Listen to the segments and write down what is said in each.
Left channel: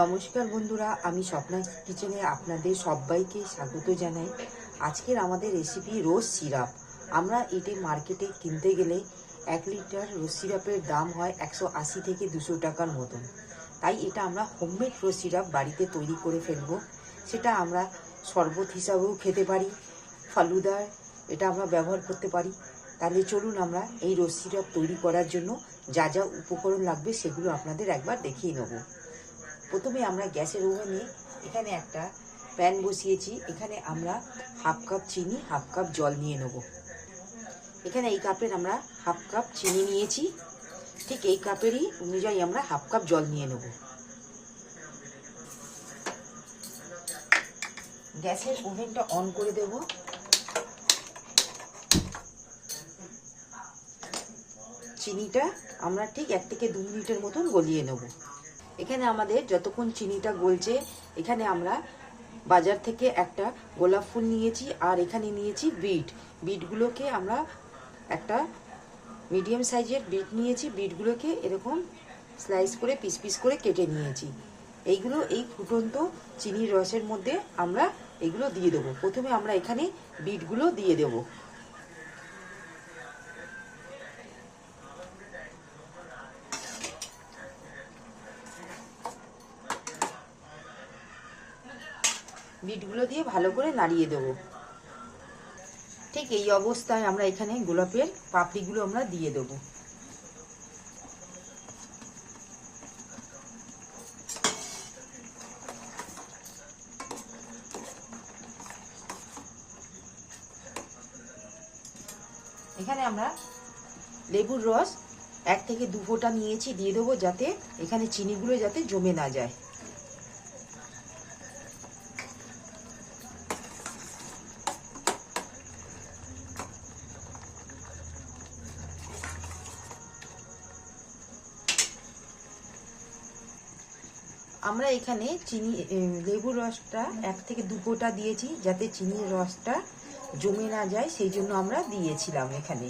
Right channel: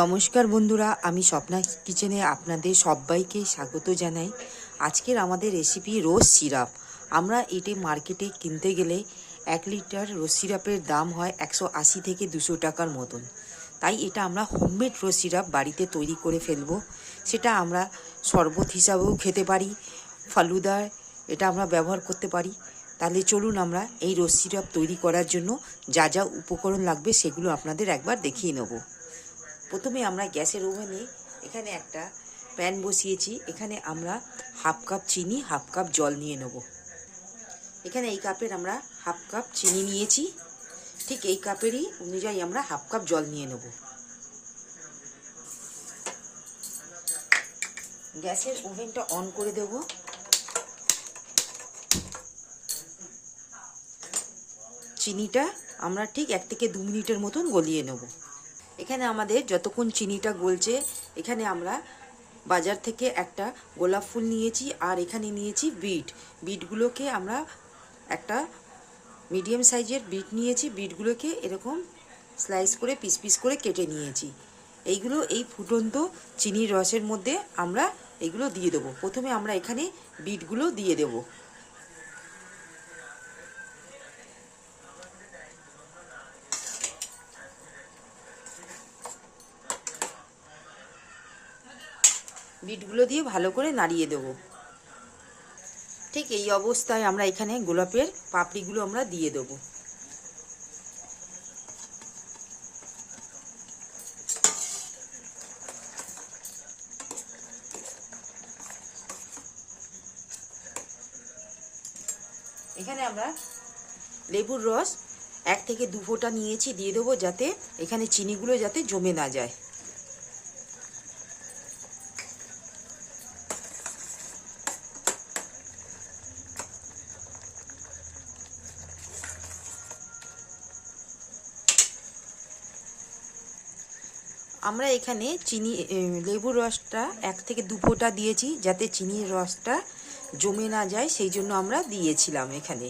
নমস্কার বন্ধুরা, আমি স্বপ্না কিচেনে আপনাদের সবাইকে স্বাগত জানাই। আজকের আমাদের রেসিপি রোজ সিরাপ। আমরা এটি মার্কেটে কিনতে গেলে 1 লিটার রোজ সিরাপের দাম হয় 180 থেকে 200 টাকার মতন। তাই এটা আমরা হোমমেড রোজ সিরাপ বাড়িতে তৈরি করে ফেলবো। সেটা আমরা শরবত হিসাবেও খেতে পারি, ফালুদায় এটা আমরা ব্যবহার করতে পারি। তাহলে চলুন আমরা এই রোজ সিরাপ তৈরি করার জন্য যা যা উপকরণ লাগবে সেগুলো আপনাদের একবার দেখিয়ে নেব। প্রথমে আমরা গ্যাসের ওভেনে এখানে একটা প্যান বসিয়েছি। এখানে আমরা হাফ কাপ চিনি, হাফ কাপ জল নিয়ে নেব। এখানে এই কাপের আমরা হাফ কাপ চিনি নিয়েছি, ঠিক এই কাপেরই অনুযায়ী আমরা হাফ কাপ জল নিয়ে নেব। গ্যাসের ওভেনটা অন করে দেব। চিনিটা আমরা ঠিক 1 থেকে 2 মিনিটের মতন গলিয়ে নেব। এখানে আমাদের যতক্ষণ চিনিটা গলছে, এখানে আমরা বাজার থেকে একটা গোলাপ ফুল নিয়েছি আর এখানে নিয়েছি বিটগুলোকে আমরা একটা মিডিয়াম সাইজের বিট নিয়েছি। বিটগুলোকে এরকম স্লাইস করে পিস পিস করে কেটে নিয়েছি। এইগুলো এই ফুটন্ত চিনির রসের মধ্যে আমরা এগুলো দিয়ে দেবো। প্রথমে আমরা এখানে বিটগুলো দিয়ে দেবো। বিটগুলো দিয়ে ভালো করে নাড়িয়ে দেব। ঠিক এই অবস্থায় আমরা এখানে গোলাপের পাপড়িগুলো আমরা দিয়ে দেব। এখানে আমরা লেবুর রস 1 থেকে 2 ফোঁটা নিয়েছি, দিয়ে দেবো, যাতে এখানে চিনিগুলো যাতে জমে না যায়। আমরা এখানে লেবুর রসটা 1 থেকে 2 ফোঁটা দিয়েছি, যাতে চিনির রসটা জমে না যায়, সেই জন্য আমরা দিয়েছিলাম। এখানে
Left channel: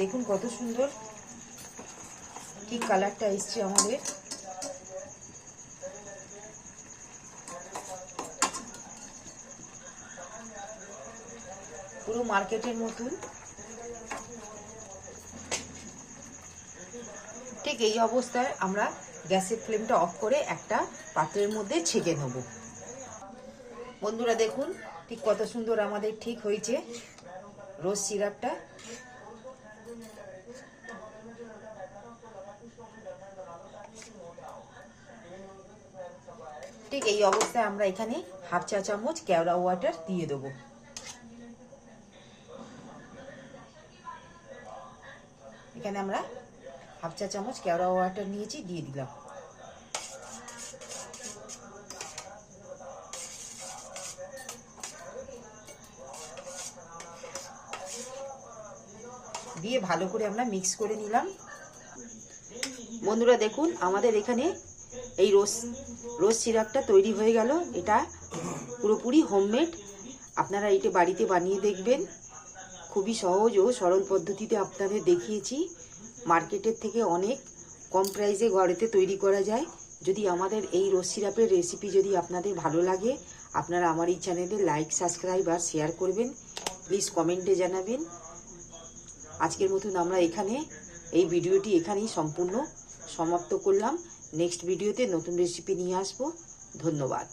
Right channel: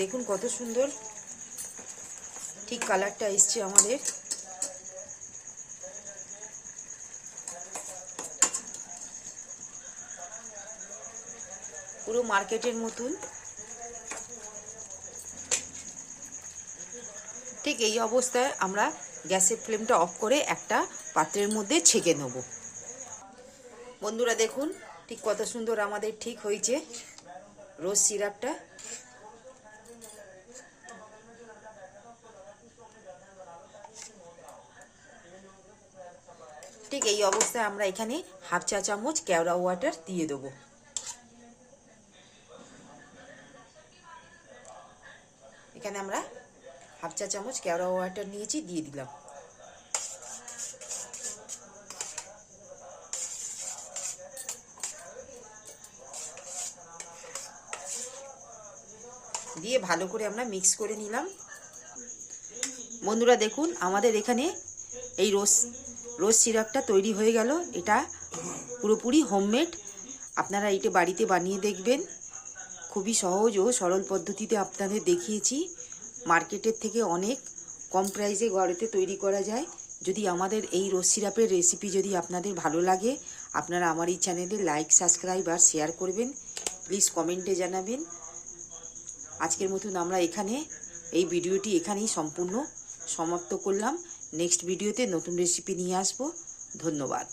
দেখুন কত সুন্দর ঠিক কালারটা এসছে আমাদের। পুরো মার্কেটের মতন। ঠিক এই অবস্থায় আমরা গ্যাসের ফ্লেমটা অফ করে একটা পাত্রের মধ্যে ছেঁকে নেব। বন্ধুরা দেখুন ঠিক কত সুন্দর আমাদের ঠিক হয়েছে রোজ সিরাপটা। ঠিক এই অবস্থায় আমরা এখানে হাফ চা চামচ কেওড়া ওয়াটার দিয়ে দেবো। এখানে আমরা হাফ চা চামচ কেওড়া ওয়াটার নিয়েছি, দিয়ে দিলাম। দিয়ে ভালো করে আমরা মিক্স করে নিলাম। বন্ধুরা দেখুন আমাদের এখানে এই রোজ সিরাপটা তৈরি হয়ে গেল। এটা পুরোপুরি হোমমেড। আপনারা এটা বাড়িতে বানিয়ে দেখবেন। খুবই সহজ ও সরল পদ্ধতিতে আপনাদের দেখিয়েছি। মার্কেটের থেকে অনেক কম প্রাইসে বাড়িতে তৈরি করা যায়। যদি আমাদের এই রোজ সিরাপের রেসিপি যদি আপনাদের ভালো লাগে, আপনারা আমার এই চ্যানেলে লাইক, সাবস্ক্রাইব আর শেয়ার করবেন। প্লিজ কমেন্টে জানাবেন। আজকের মতন আমরা এই ভিডিওটি এখানেই সম্পূর্ণ সমাপ্ত করলাম। নেক্সট ভিডিওতে নতুন রেসিপি নিয়ে আসবো। ধন্যবাদ।